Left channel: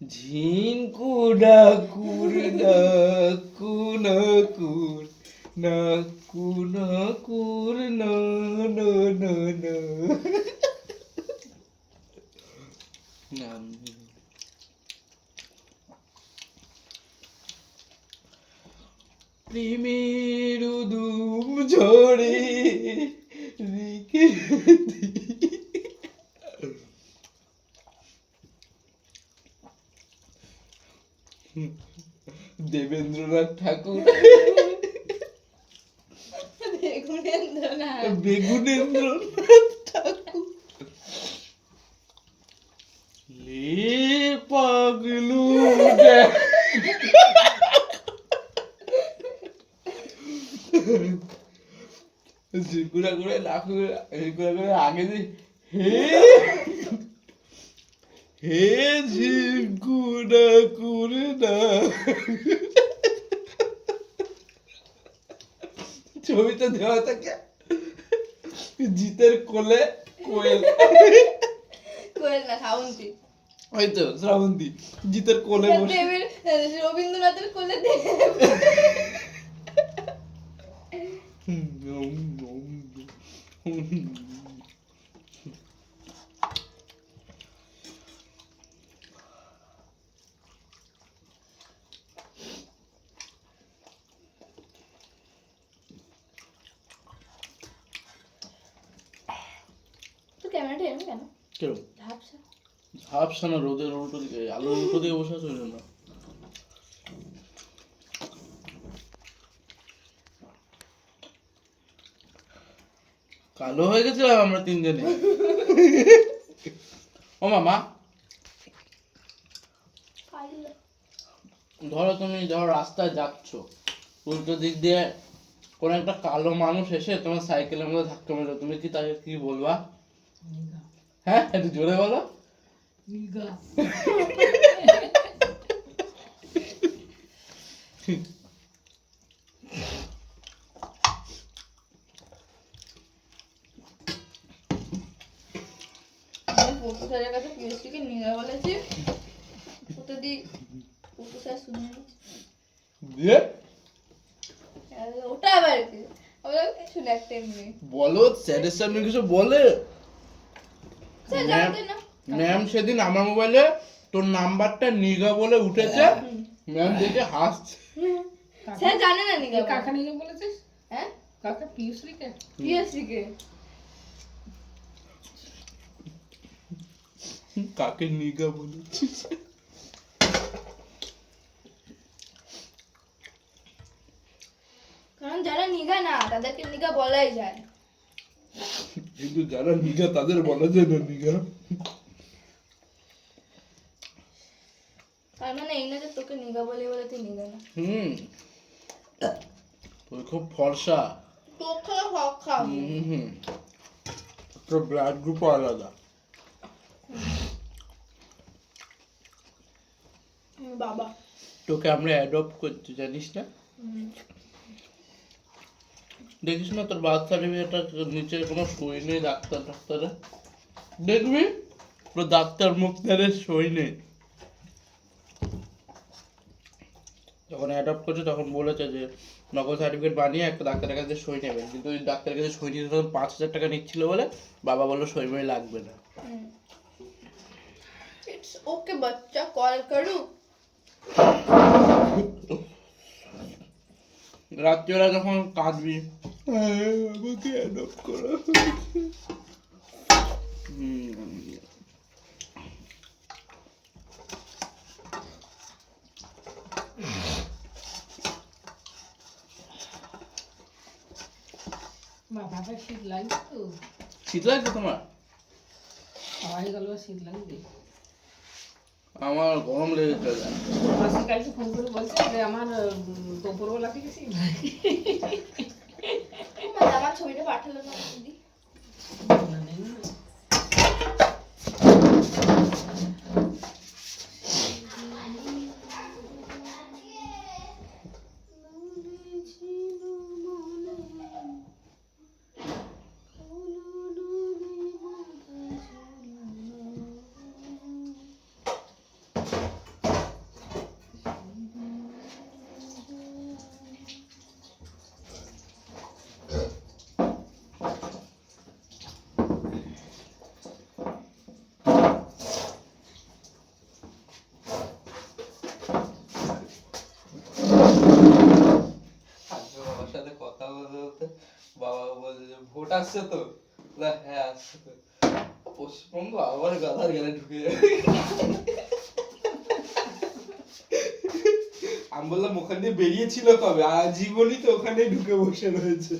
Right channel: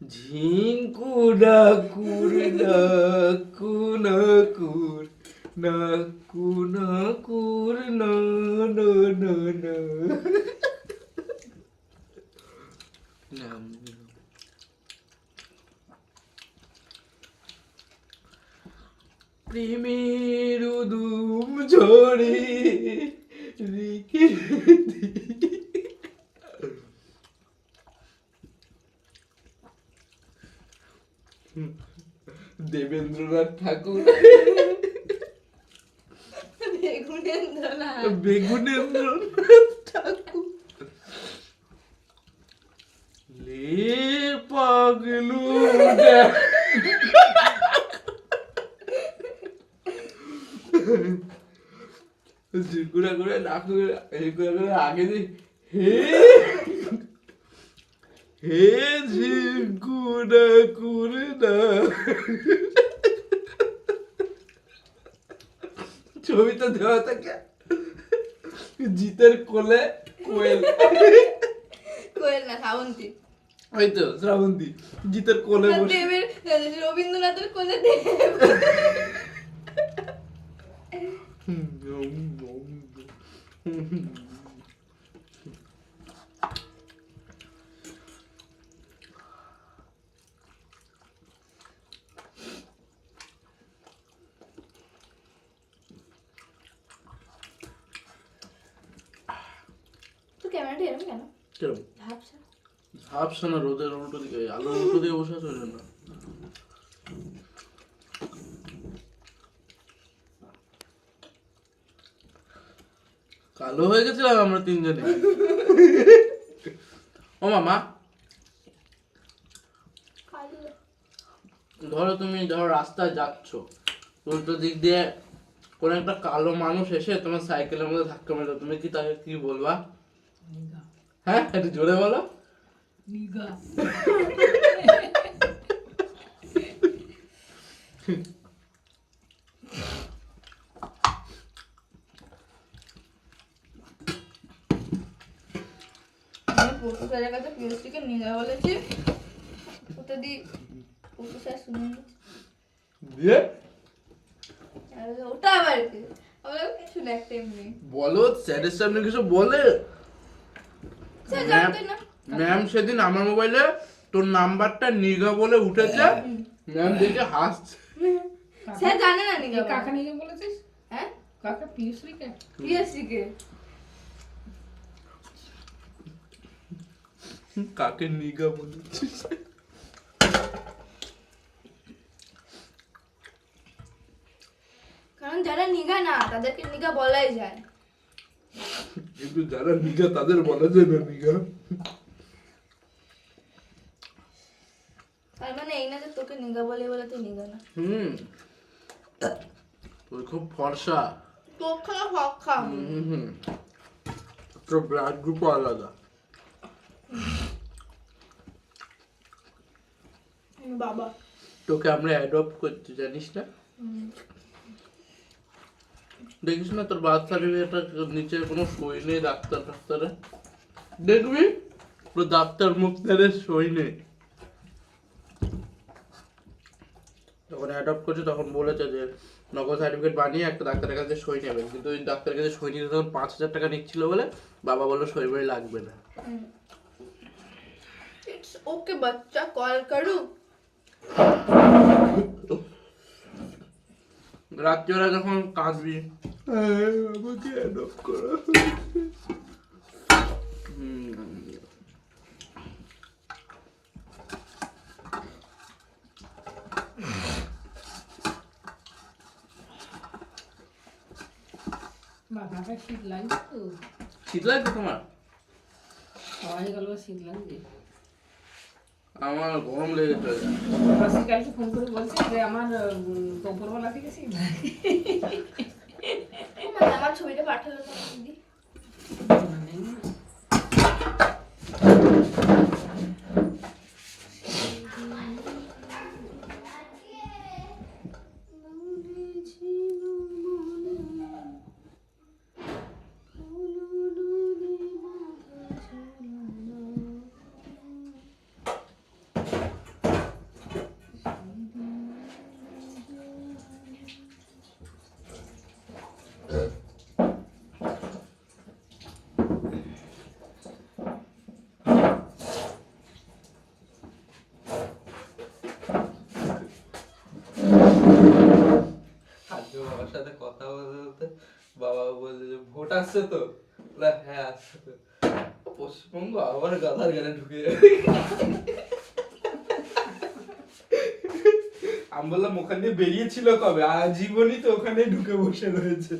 ঝিঙ্কু ডাকুর ডাকু নাকুর নাকু নাকুর না না না না নাম প্রেমের উদুম ঝরে রেখে দেবেন্দ্রনাথ ঠাকুর বেগুনেন্দ্রনাথ ঠাকুর লে পাগলু ঝিকুড়া করে নাকু ঝিকুড়া করে আগে দিই হে হে ঝিকুড়া করে না ছবিটা দেওয়া থাকে জিতের কোলে কোয়েল কোয়েল না শ্রাবন্তী ওই তো শ্রাবন্তী জিতের কোলে বসে রবীন্দ্রনাথের কোলে দেব তো ক্যামেরাটা এরকম কেন কেরম ঝাপসা ঝাপসা না রোদের উল্টো দিকে আলোর উল্টো দিয়ে বসে আছে না কালো হয়ে গেছিলাম আমরা তিনজনে ও মামা ধরো রাস্তায় যাচ্ছ উল্টো দিক দিয়ে কোন একটা কালো মানুষ এসে তোমার সাইকেলের মধ্যে ধাক্কা মেলো তুমি কি তাকে কি বলবা হ্যাঁ একটু জোরে বলো পড়তে স্যারের কাছে পিএসসিকে নিয়ে বলেছি ওটা দি পড়তে স্যার শুনে নিচ্ছে দিয়ে ওটা আবার কি আবার কিছু না একটা এমনি বলো স্যারের সামনে কিছু বলে স্যার জানতে না ম্যাম সেদিন আমার মোবাইলে তোর নাম্বারটা নিগা বলে উঠেছে ম্যাম দেখে হাসছে স্যার জানে না নিগা কাকা নিয়ে বলেছিস হ্যাঁ কাকা পিউসলিকে পিএসসিকে কাকে নিগা বলেছিস কারণ যারা নিগা না তাদেরকে নিগা বলাই যায় কিন্তু যারা নিগা তাদের বলা যায় না নিগা তার মানে এই না যে তোকে নিগা বলে বলে তুই নিগা না তুই খুব ফর্সা তোকে হক খাও তোর ব্লাড গ্রুপও আলাদা বাবা তোকে আমরা অ্যাডপ্ট করতে জানিস না দেখিস না তোর বার্থ সার্টিফিকেটটা নিচে কোনো সই নেই ডাক্তারে দেখবি পুরো ডাক্তার মুক্তারের সই নেই যখন অ্যাডপ্ট করছে তখন বলেছে যে নকল সার্টিফিকেট বানিয়ে একটা ডাক্তারের কাছে সই নেবেন কিন্তু ওই ডাক্তারের কাছে সই নিতে তখন 5,000 টাকা নিচ্ছিল বলে বাবা বললো সই বই লাগবে না इट्स ओके बच्चा कॉल करूं রাত্রিবেলা যখন কাঁদবি আমাকে অ্যাডপ্ট করা বাবাটা শীত লাগছে তো শীত লাগছে তোমার সবাই গেল শীত লাগবে আমার গরম লেগে চলে যায় মাসির কালকে ফোন করে বলছে যে আমার দুপুরবেলা থেকে শীত লাগে আমার ছবিটা পাঠালো না দিদি বাবা বলছে যে ভোট আসছে তো, বলে, হ্যাঁ আসছে তো। পশ্চিমবঙ্গ আবার গাধার গেলে ঢুকে যাবে। আমি বললাম ওখান দিয়ে বেরিয়েছিল কবে, আজীবনই তো ওখানে ঢুকে বসে রয়েছে।